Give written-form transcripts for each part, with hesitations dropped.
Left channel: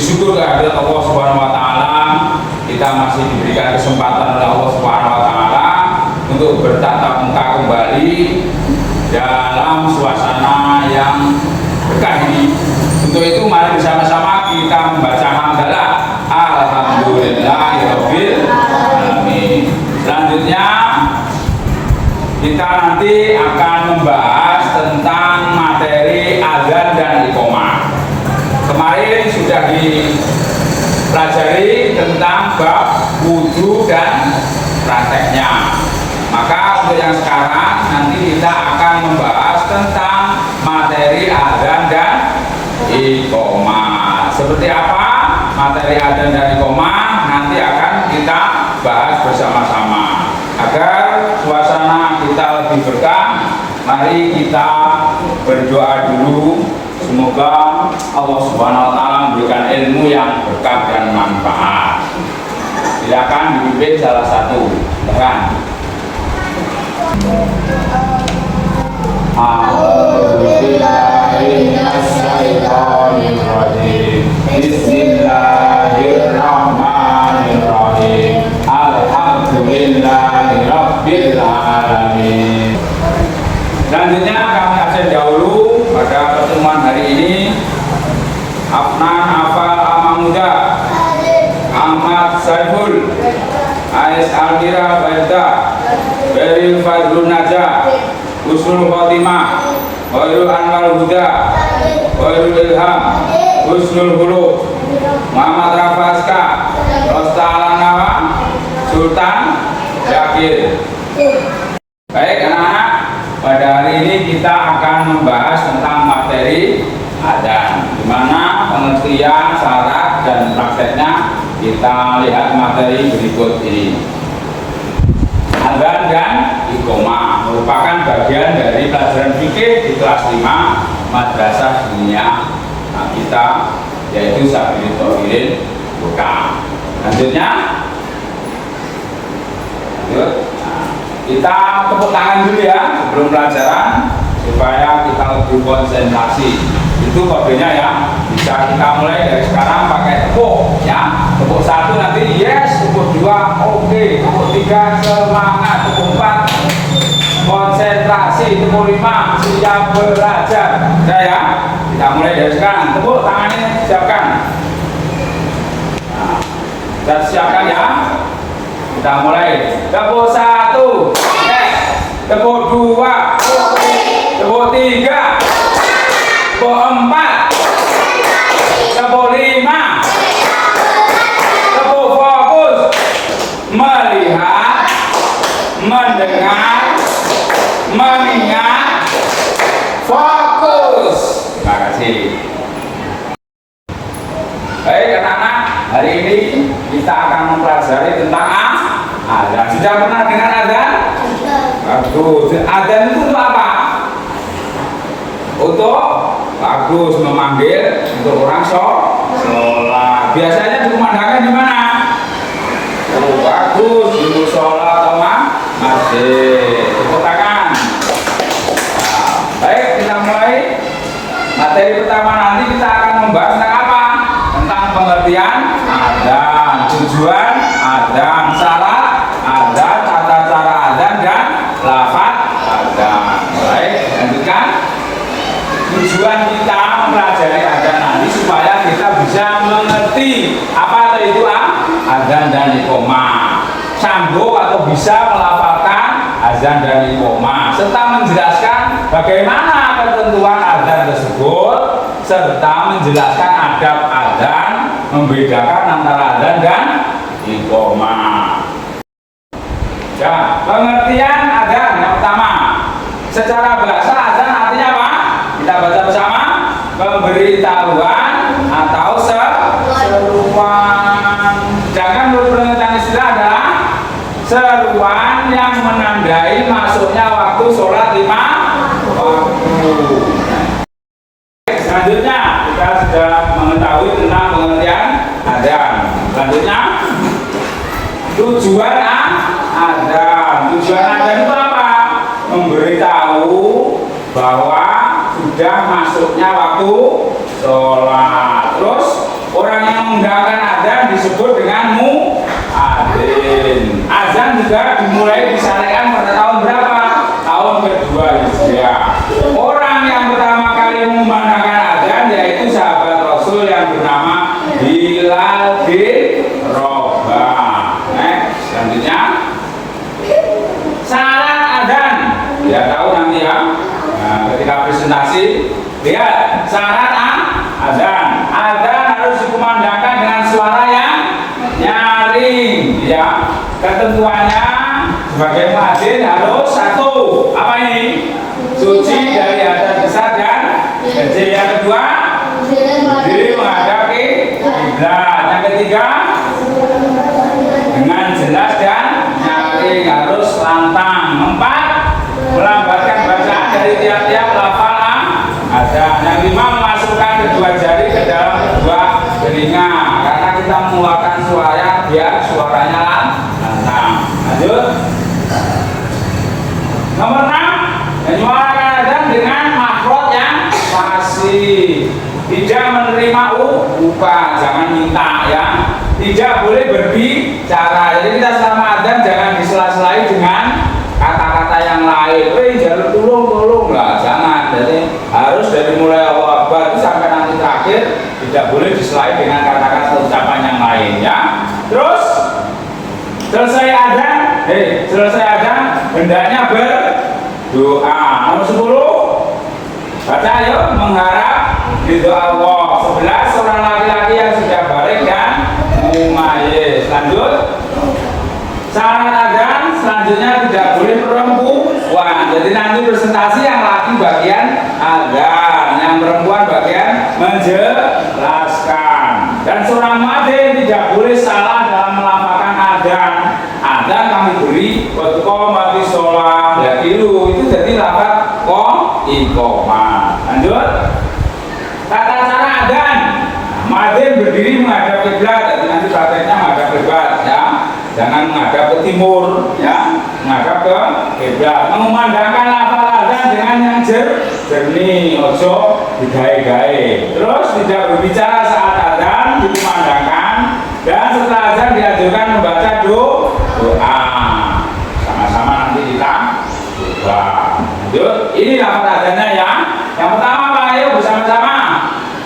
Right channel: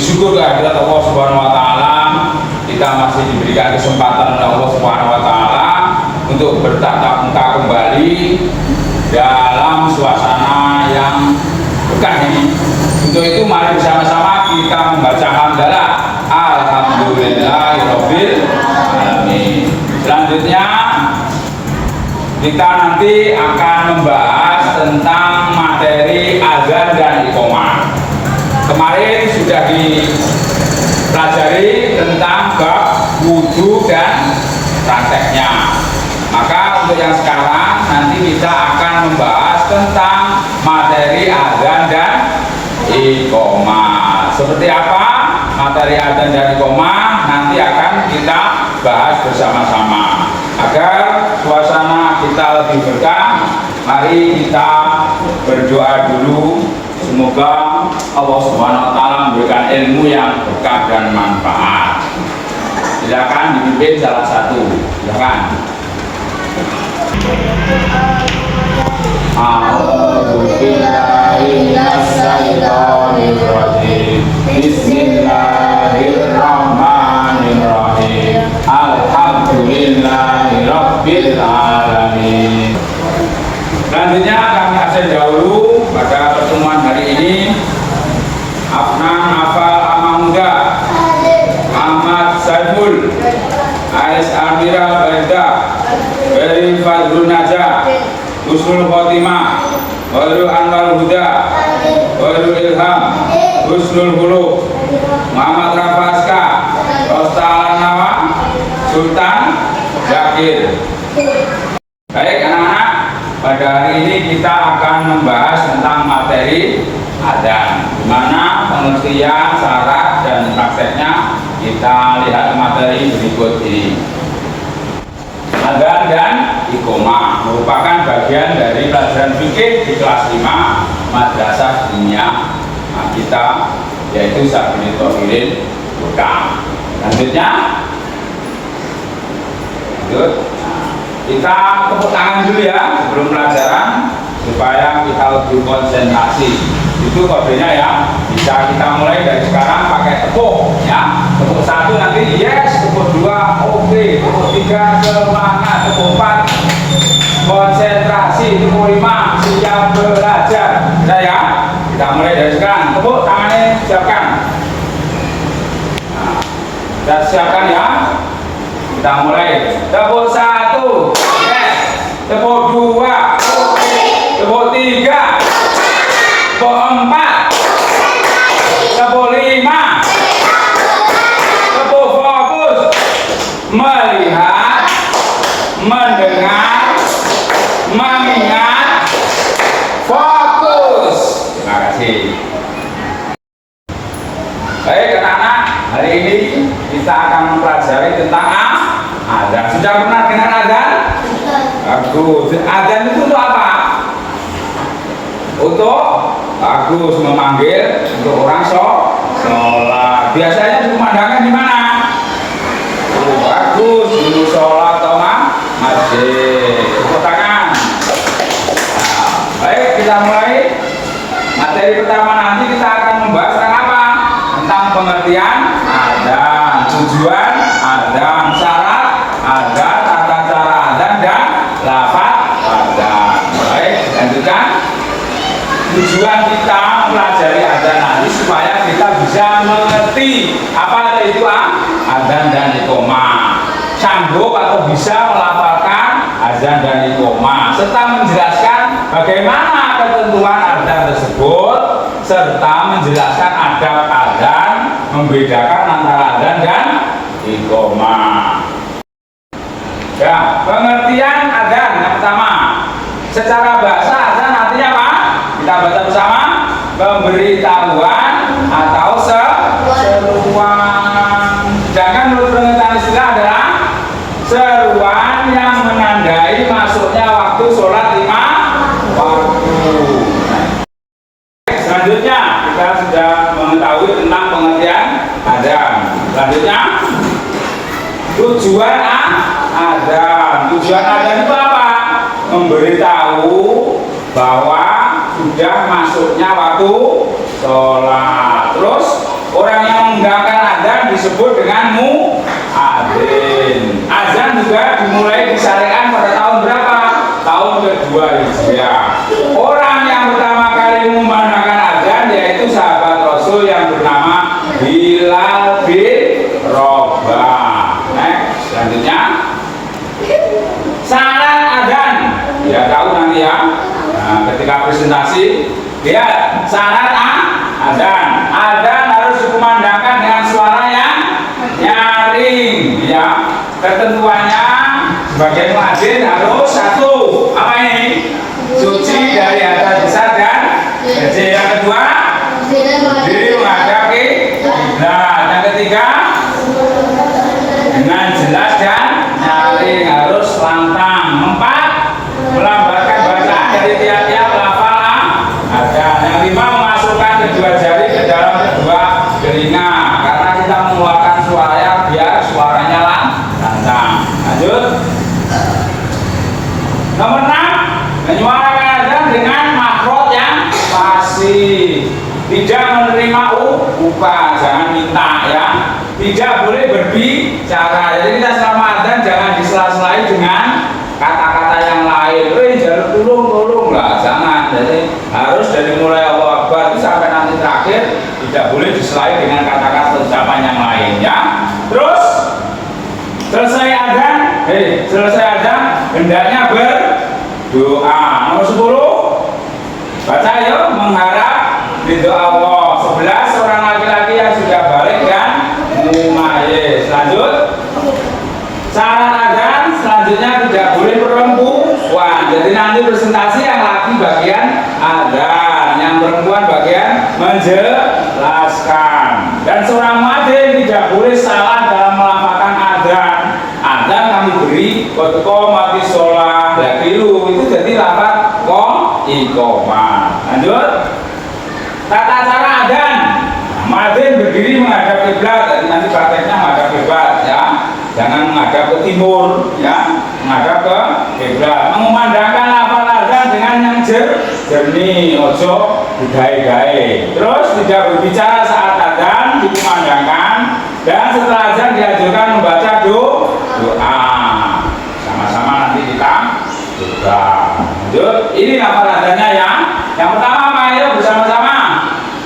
syukur kehadirat Allah Subhanahu wa taala, kita masih diberikan kesempatan oleh Allah Subhanahu wa taala untuk bertatap muka kembali dalam suasana yang berkah ini. Untuk itu mari bersama-sama kita membaca hamdalah alhamdulillahirabbil alamin. Selanjutnya kita nanti akan membahas tentang materi azan dan iqamah. Kemarin sudah dipelajari tentang bab wudu dan prakteknya. Maka untuk yang sekarang nanti kita akan membahas tentang materi azan dan iqamah. Seperti apa materi azan dan iqamah nanti akan kita bahas bersama-sama. Agar suasana kita lebih berkah, mari kita berdoa dulu. Semoga Allah Subhanahu wa taala memberikan ilmu yang berkah dan manfaat. Silakan dipimpin salah satu. Silakan. Bismillahirrahmanirrahim. Alhamdulillahirabbil alamin. Selanjutnya kami absen dahulu pada pertemuan hari ini. Afnan Afal Amamuda, Ahmad Saiful, Ais Almira Baita, Beril Fadlun Najah, Husnul Khotimah, Khairul Anwar Huda, Khairul Ilham, Husnul Huluk, Muhammad Rafaska, Rosta Alanawa, Sultan Zakir. Baik anak-anak, pada hari ini kita akan membahas tentang materi adzan, di mana pengertian, syarat dan prakteknya kita lihat materi berikut ini. Adzan dan iqamah merupakan bagian dari pelajaran fikih di kelas 5 Madrasah Dunia kita, yaitu Sabil Tohirin Buka. Lanjutnya, kita tepuk tangan dulu ya sebelum pelajaran supaya kita lebih konsentrasi. Itu kodenya ya, bisa kita mulai dari sekarang pakai tepuk ya. Tepuk 1 nanti yes, tepuk 2 oke, tepuk 3 semangat, tepuk 4 konsentrasi, tepuk 5 siap belajar. Sudah ya, kita mulai dari sekarang. Tepuk tangannya siapkan. Nah, kita siapkan ya. Kita mulai. Tepuk 1 yes, tepuk 2 tepuk 3 tepuk 4 tepuk 5 tepuk fokus, melihat, mendengar, mengingat, fokus. Terima kasih. Baik anak-anak, hari ini kita akan mempelajari tentang adzan. Sudah pernah dengar adzan? Bagus. Adzan itu untuk apa? Untuk bagus, memanggil untuk orang sholat. Biasanya dikumandangkan di mana? Oh, bagus, di musola atau masjid. Tepuk tangan. Nah, baik, kita mulai. Materi pertama nanti kita akan membahas tentang apa? Tentang pengertian adzan, tujuan adzan, syarat adzan, tata cara adzan dan lafaz adzan. Baik, lanjutkan. Tujuan kita mempelajari adzan nanti supaya kita bisa mengerti apa itu adzan dan iqamah, sanggup atau bisa melafalkan adzan dan iqamah, serta menjelaskan bagaimana ketentuan adzan tersebut, serta menjelaskan adab adzan, membedakan antara adzan dan iqamah. Ya, pengertian adzan yang pertama, secara bahasa adzan artinya apa? Kita baca bersama. Pemberitahuan atau seruan. Jangan menurut pengertian istilah adalah seruan yang menandai masuknya waktu sholat 5 waktu. Selanjutnya kita sudah mengetahui tentang pengertian adzan. Selanjutnya tujuan adzan. Tujuan adzan itu apa? Memberitahu bahwa sudah masuknya waktu sholat. Terus Orang yang mengundangkan adzan disebut dengan muadzin. Azan juga dimulai disyariatkan pada tahun berapa? Tahun kedua Hijriah. Orang yang pertama kali mengumandangkan adzan yaitu sahabat Rasul yang bernama Bilal bin Rabah. Selanjutnya syarat adzan. Ya tahu nanti ya. Nah, ketika presentasi lihat syarat adzan. Adzan harus dikumandangkan dengan suara yang nyaring. Ya, ketentuannya sebagai muadzin harus satu. Apa ini? Suci dari hadas besar dan kecil. Yang kedua, berdiri menghadap kiblat. Yang ketiga, dengan jelas dan nyaring harus lantang. Empat, melambatkan bacaan dari tiap-tiap lafal adzan. Yang lima, memasukkan kedua jari ke dalam kedua telinga karena kita mengeluarkan suara biar suaranya lantang. Lanjut. Nomor 6, menyuarakan adzan dengan makhraj yang fasih. Tidak menerima upah, jangan minta ya. Tidak boleh berbicara. Jadi kita selama adzan jangan disela-selai dengan kata-kata yang lain. Jangan tolong lah, jangan. Jadi harus dari mulai Allahu Akbar itu sampai nanti terakhir tidak boleh diselai dengan kata-kata ucapan yang lain ya. Terus selesai adzan hendaknya berdoa. Nomor 10 baca yuk mengharap ridho Allah. 11 orang laki-laki yang sudah balik dan mumayyiz. Lanjut. Syarat adzan selanjutnya tidak boleh perempuan. Jadi nanti presentasi yang laki bagian adzan, yang perempuan bagian menjelaskan. Dan seorang muadzin tidak boleh salah dalam melafalkan adzan. Adzan kami beri qomati sholah lakilu itu jadi lafaz iqamah. Lanjut. Tata cara adzan. Muadzin berdiri menghadap kiblat. Jadi nanti prakteknya menghadap kiblat ya. Jangan menghadap ke timur ya, menghadap ke kiblat. Mengumandangkan lafal adzan dengan yang jernih, ojo digawe-gawe. Terus tidak berbicara saat adzan dikumandangkan dan setelah adzan dianjurkan membaca doa. Sama-sama nanti kita coba. Lanjut. Ini lafal adzannya ya. Yang pertama apa? Ayo bersama-sama.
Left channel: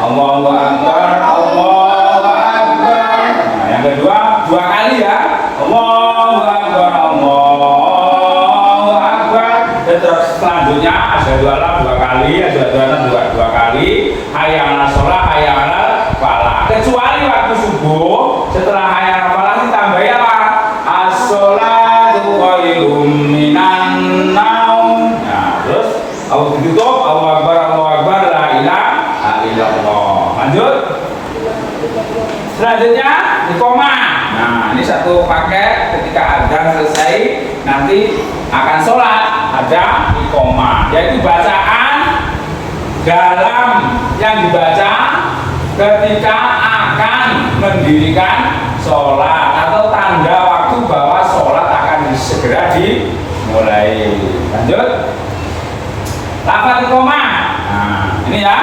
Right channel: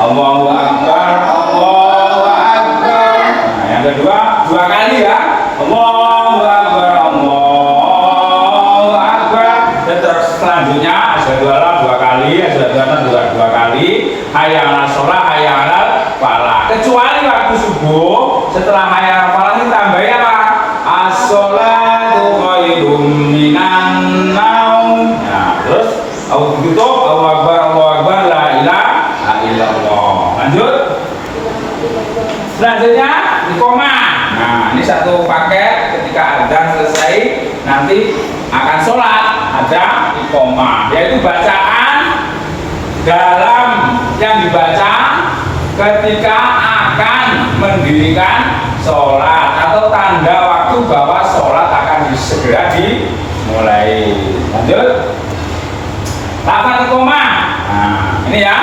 Allahu Akbar, Allahu Akbar. Nah, yang kedua dua kali ya. Allahu Akbar, Allahu Akbar. Dan terus selanjutnya asyhadu alla dua kali, asyhadu anna dua kali, hayya 'alas shalah, hayya 'alal falah. Kecuali waktu subuh setelah hayya 'alal falah ditambahi apa? As-sholatu khairum minan naum. Nah, terus tutup Allahu Akbar, la ilaha illallah. Lanjut. Selanjutnya iqamah. Nah, ini satu paket. Ketika adzan selesai nanti akan sholat, ada iqamah, yaitu bacaan dalam yang dibaca ketika akan mendirikan sholat atau tanda waktu bahwa sholat akan segera dimulai. Lanjut. Lafaz iqamah. Nah, ini ya.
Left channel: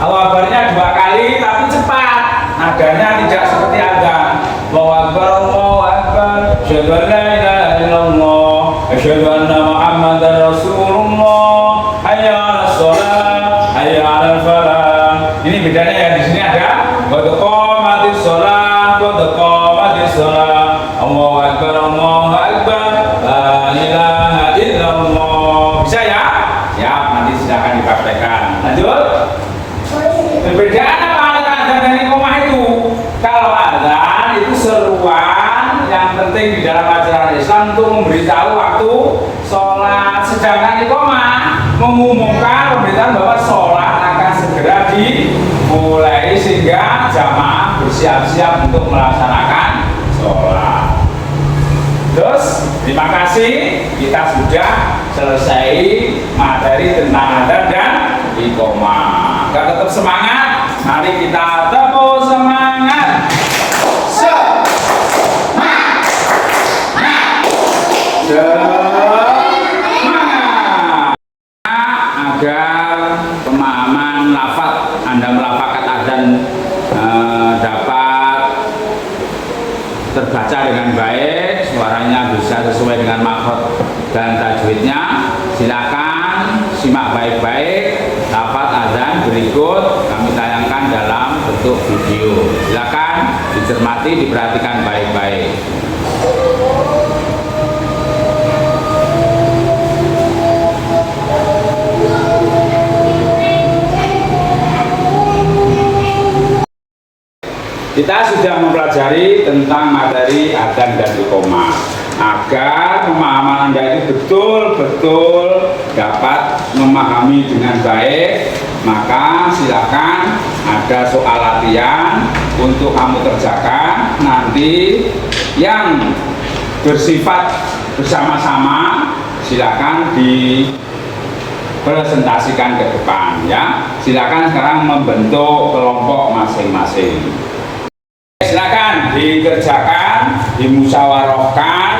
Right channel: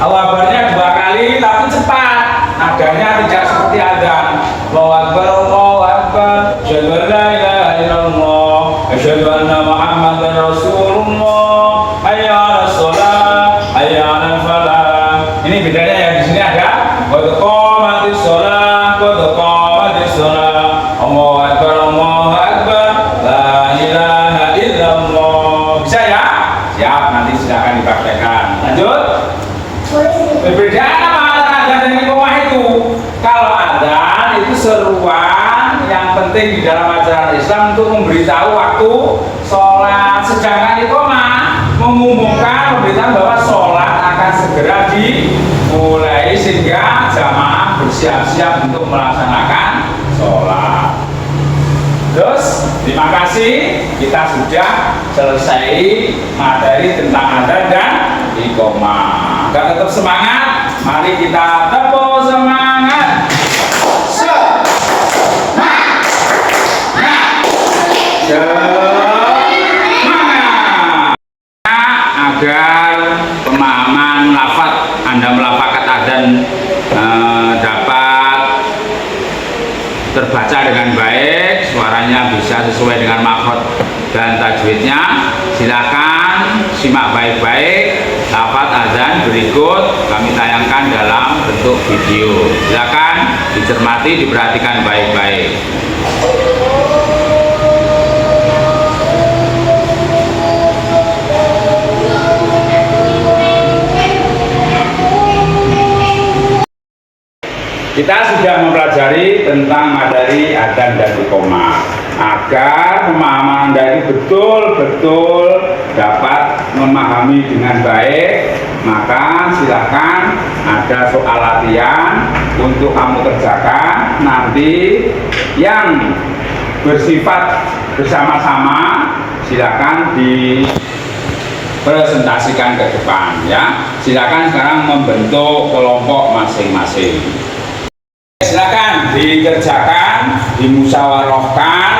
Allahu Akbarnya dua kali tapi cepat. Nadanya tidak seperti adzan. Allahu Akbar, Allahu Akbar. Asyhadu an la ilaha illallah. Asyhadu anna Muhammadar Rasulullah. Hayya 'alas shalah, hayya 'alal falah. Ini bedanya ya, di sini ada qad qamatis shalah, qad qamatis shalah. Allahu Akbar, Allahu Akbar. La ilaha illallah. Bisa ya? Siap, nanti silakan dipraktekkan. Lanjut. Perbedaan apa antara adzan dan iqamah itu? Kalau adzan itu seruan yang penting di dalam ajaran Islam untuk memberitahu waktu sholat, sedangkan iqamah mengumumkan pemberitaan bahwa sholat akan segera dimulai sehingga jamaah bersiap-siap untuk melaksanakan sholat. Terus terima kasih, kita sudah selesai materi tentang adzan dan iqamah. Gak tetap semangat, mari kita tepuk semangat. Semangat. Agar pemahaman lafaz Anda melafalkan adzan terbaca dengan baik, suaranya bisa sesuai dengan makhot dan tajwidnya, silakan simak baik-baik lafaz azan berikut kami tayangkan dalam bentuk video. Silakan dicermati, diperhatikan baik-baik. Kita sudah mempelajari tentang materi adzan dan iqamah. Agar pemahaman Anda ini betul-betul dapat memahami dengan baik, maka silakan ada soal latihan untuk kamu kerjakan nanti yang bersifat bersama-sama. Silakan dipresentasikan ke depan ya. Silakan sekarang membentuk kelompok masing-masing. Silakan dikerjakan, dimusyawarahkan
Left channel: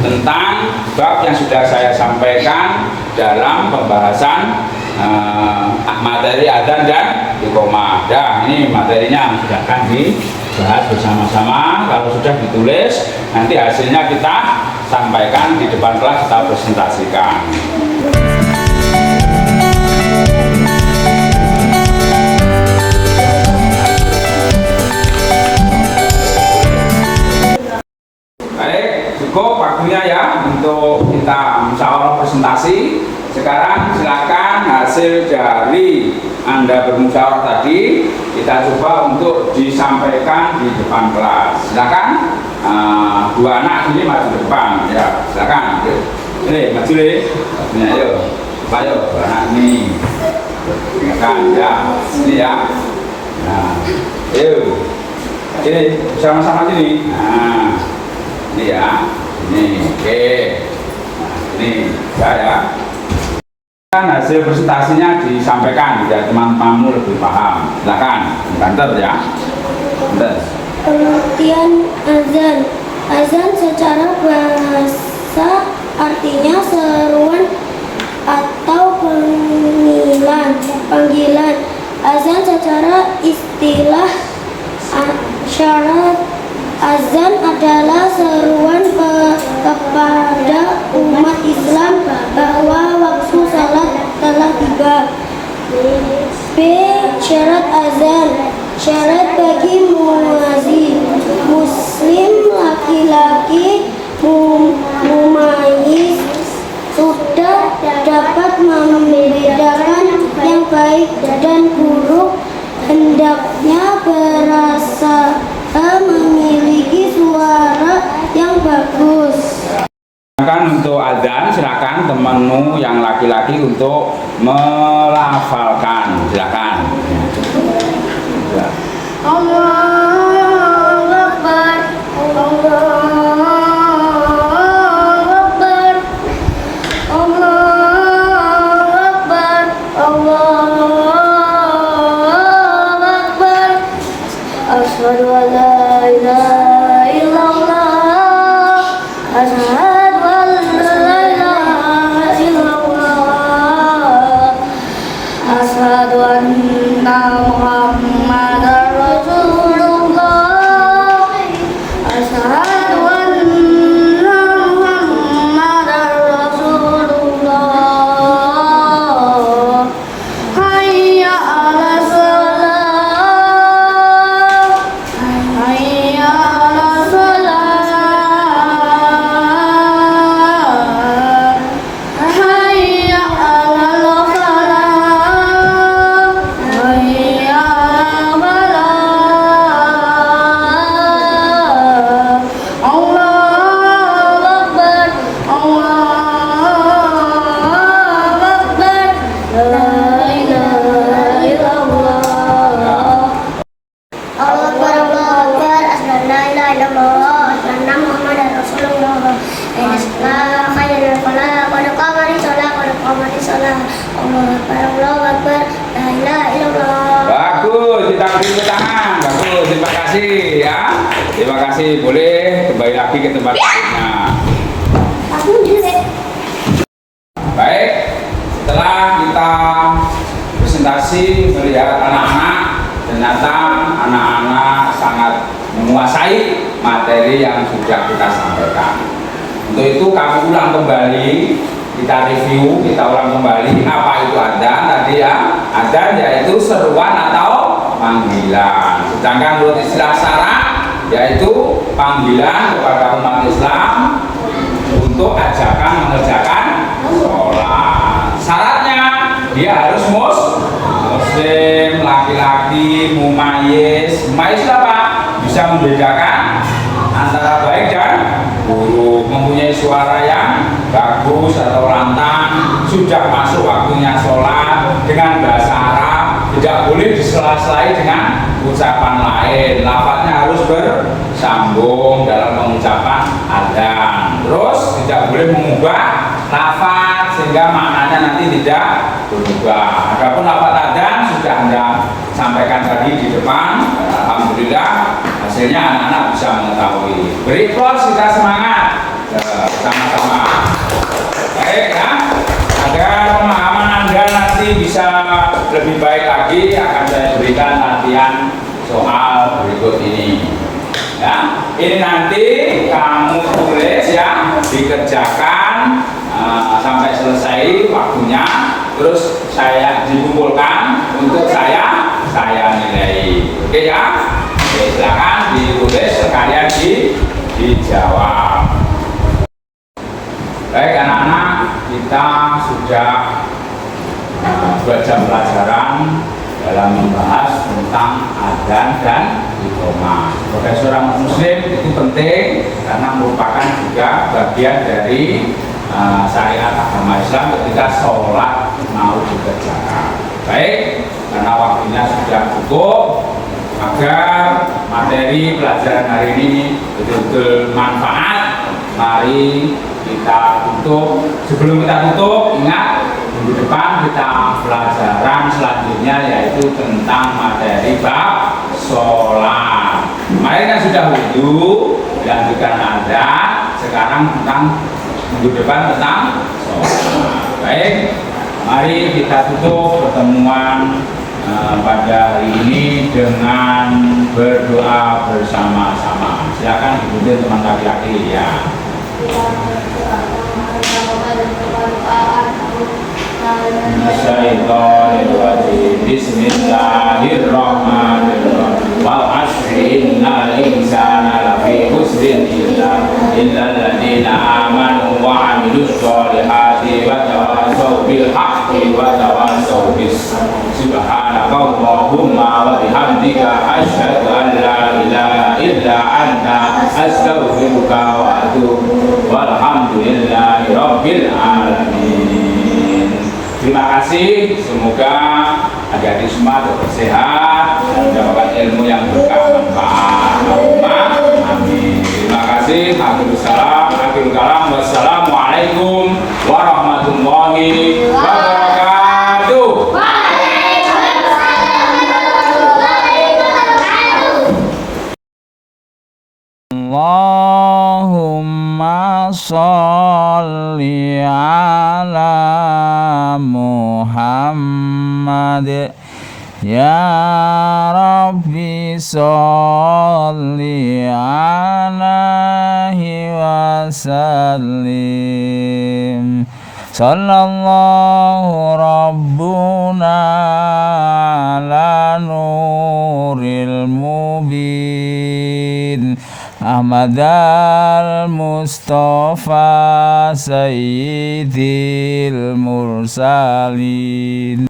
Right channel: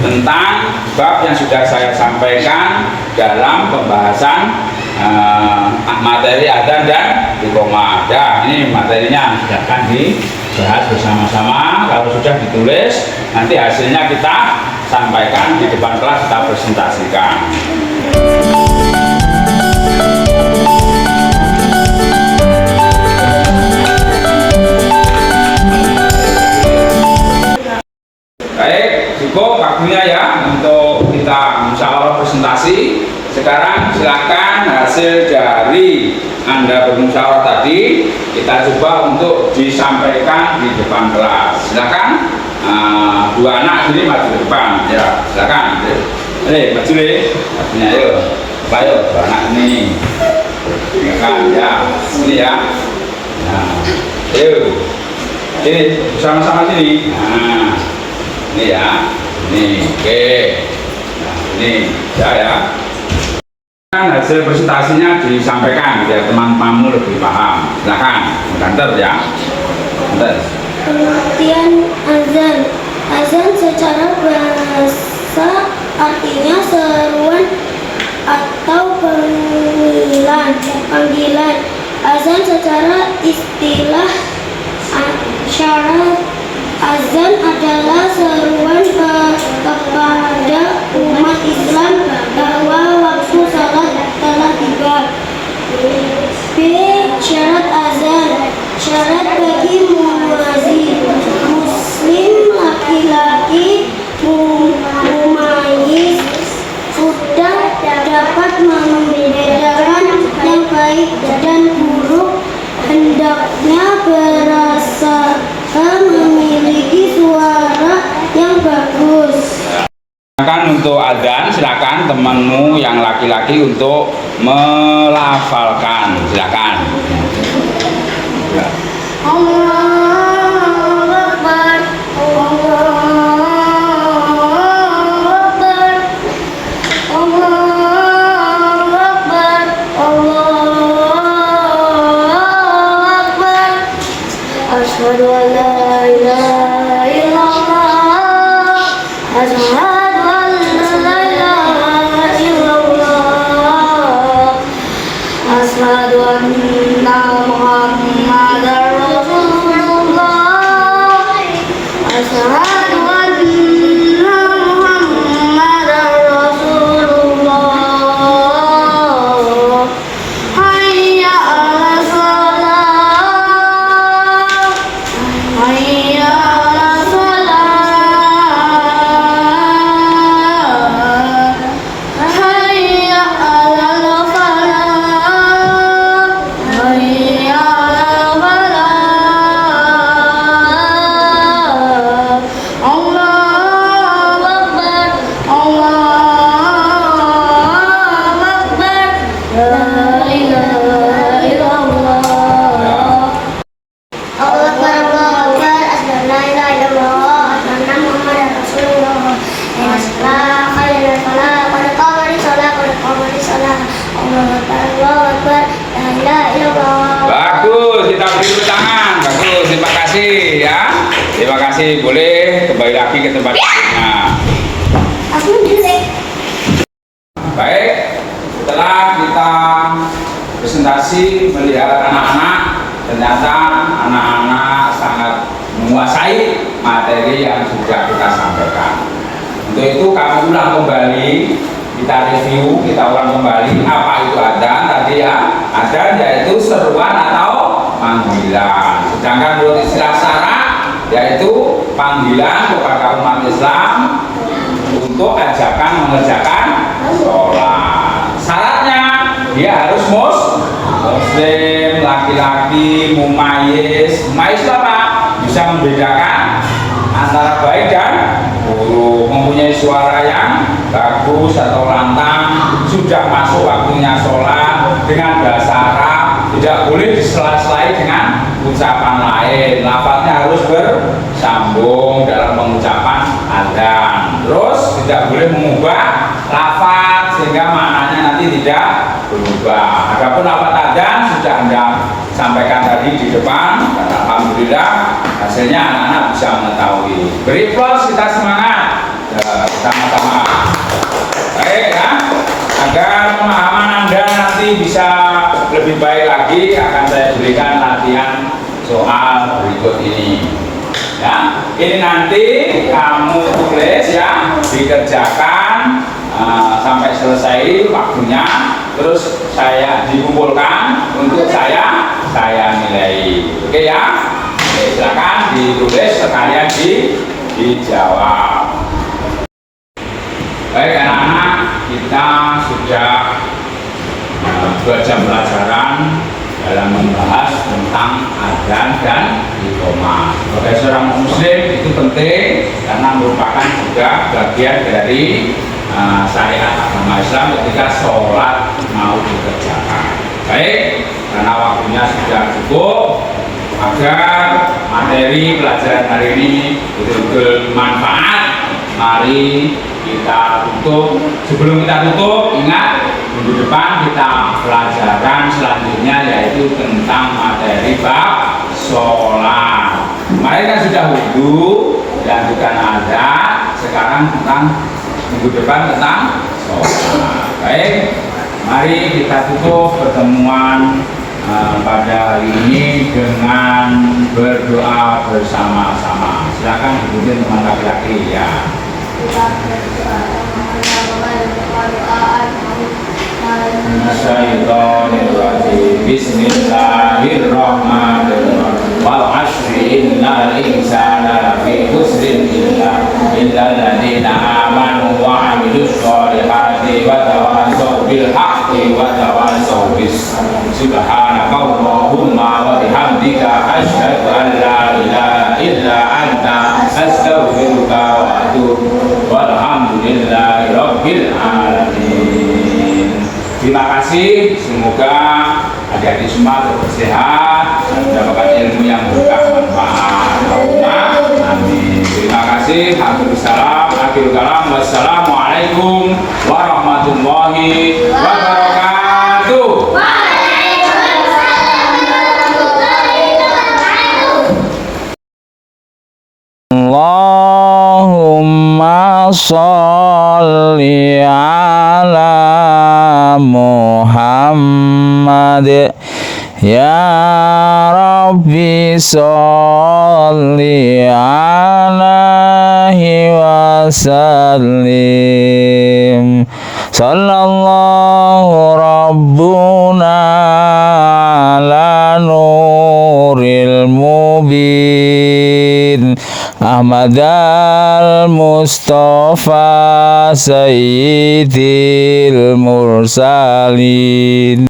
tentang bab yang sudah saya sampaikan dalam pembahasan materi adzan dan iqamah. Dan ini materinya silakan dibahas bersama-sama. Kalau sudah ditulis, nanti hasilnya kita sampaikan di depan kelas, kita presentasikan. Baik, cukup waktunya ya untuk kita musyawarah presentasi. Sekarang silakan hasil dari Anda bermusyawarah tadi kita coba untuk disampaikan di depan kelas. Silakan dua anak ini maju ke depan ya. Silakan. Ini maju deh. Ini ayo. Ayo dua anak ini. Silakan ya. Ini ya. Nah, ayo. Ini sama-sama sini. Nah, ini ya, ini oke, nah, ini ya. Kan hasil presentasinya disampaikan biar teman-temanmu lebih paham. Silakan, kantor ya. Bentar. Pengertian azan. Azan secara bahasa artinya seruan atau panggilan. Azan secara istilah syarat. Azan adalah seruan kepada umat Islam bahwa waktu salat telah tiba. B. Syarat azan. Syarat bagi muazin muslim laki-laki mumayyiz sudah dapat membedakan yang baik dan buruk, hendaknya berasa memiliki suara yang bagus. Silakan untuk adzan, silakan temanmu yang laki-laki untuk melafalkan. Silakan. Allahu Akbar, Allahu Akbar, Allahu Akbar, Allahu Akbar. Asyhadu an la ilaha illallah, asyhadu an la ilaha illallah, asyhadu anna Muhammadar Rasulullah, asyhadu anna Muhammadar Rasulullah. Hayya 'alas shalah, hayya 'alas shalah, hayya 'alal falah, hayya 'alal falah. Allahu Akbar, Allahu Akbar, la ilaha illallah. Allahu Akbar, Allahu Akbar, asyhadu an la ilaha illallah, asyhadu anna Muhammadar Rasulullah. Inna shalah khairul falah, qad qamati shalah, qad qamati shalah. Allahu Akbar, Allahu Akbar, la ilaha illallah. Bagus, kita beri tepuk tangan. Bagus, terima kasih ya. Terima kasih. Boleh kembali lagi ke tempat duduknya. Aku dulu. Baik, setelah kita presentasi melihat anak-anak, ternyata anak-anak sangat menguasai materi yang sudah kita sampaikan. Untuk itu kami ulang kembali, kita review, kita ulang kembali apa itu adzan tadi ya. Adzan yaitu seruan atau panggilan. Sedangkan menurut istilah syara yaitu panggilan kepada umat Islam untuk ajakan mengerjakan sholat. Syaratnya dia harus muslim, laki-laki, mumayyiz. Mumayyiz apa? Bisa membedakan antara baik dan buruk, mempunyai suara yang bagus atau lantang, sudah masuk waktunya sholat dengan bahasa Arab, tidak boleh disela-selai dengan ucapan lain, lafadznya harus bersambung dalam pengucapan adzan. Terus tidak boleh mengubah lafadz sehingga maknanya nanti tidak berubah. Adapun lafadz adzan sudah Anda sampaikan tadi di depan, dan alhamdulillah hasilnya anak-anak bisa mengetahui. Beri plus, kita semangat sama-sama. Baik ya, agar pemahaman Anda nanti bisa lebih baik lagi, akan saya berikan latihan soal berikut ini. Ya, ini nanti kamu tulis ya, dikerjakan sampai selesai waktunya, terus saya dikumpulkan untuk saya nilai. Oke ya, oke, silakan ditulis sekalian dijawab. Baik anak-anak, kita sudah 2 jam pelajaran dalam membahas tentang adzan dan iqamah. Sebagai seorang muslim itu penting karena merupakan juga bagian dari syariat agama Islam ketika sholat mau dikerjakan. Baik, karena waktunya sudah cukup, agar materi pelajaran hari ini betul-betul manfaat, mari kita tutup. Sebelum kita tutup, ingat minggu depan kita pelajaran selanjutnya yaitu tentang materi bab sholat. Kemarin kan sudah wudhu, dilanjutkan adzan, sekarang tentang minggu depan tentang sholat. Baik, mari kita tutup pertemuan pada hari ini dengan berdoa bersama-sama. Silakan dipimpin teman laki-laki ya. Bismillahirrahmanirrahim. Wal 'ashri innal insana lafi khusrin illa alladziina aamanu wa 'amilus shalihati wa tawassaw bil haqqi wa tawassaw bis subhanakallahumma wa bihamdika asyhadu an la ilaha illa anta astaghfiruka wa atubu walhamdulillahi rabbil alamin. Terima kasih, semoga adik-adik semua tetap sehat dan mendapatkan ilmu yang berkah manfaat. Amin. Terima kasih. Akhirul kalam. Wassalamualaikum warahmatullahi wabarakatuh. Allahumma sholli ala Muhammad ya Rabbi sholli alaihi wasallim. Sallallahu rabbuna ala nuril mubin Ahmad al-Mustafa Sayyidil Mursalin.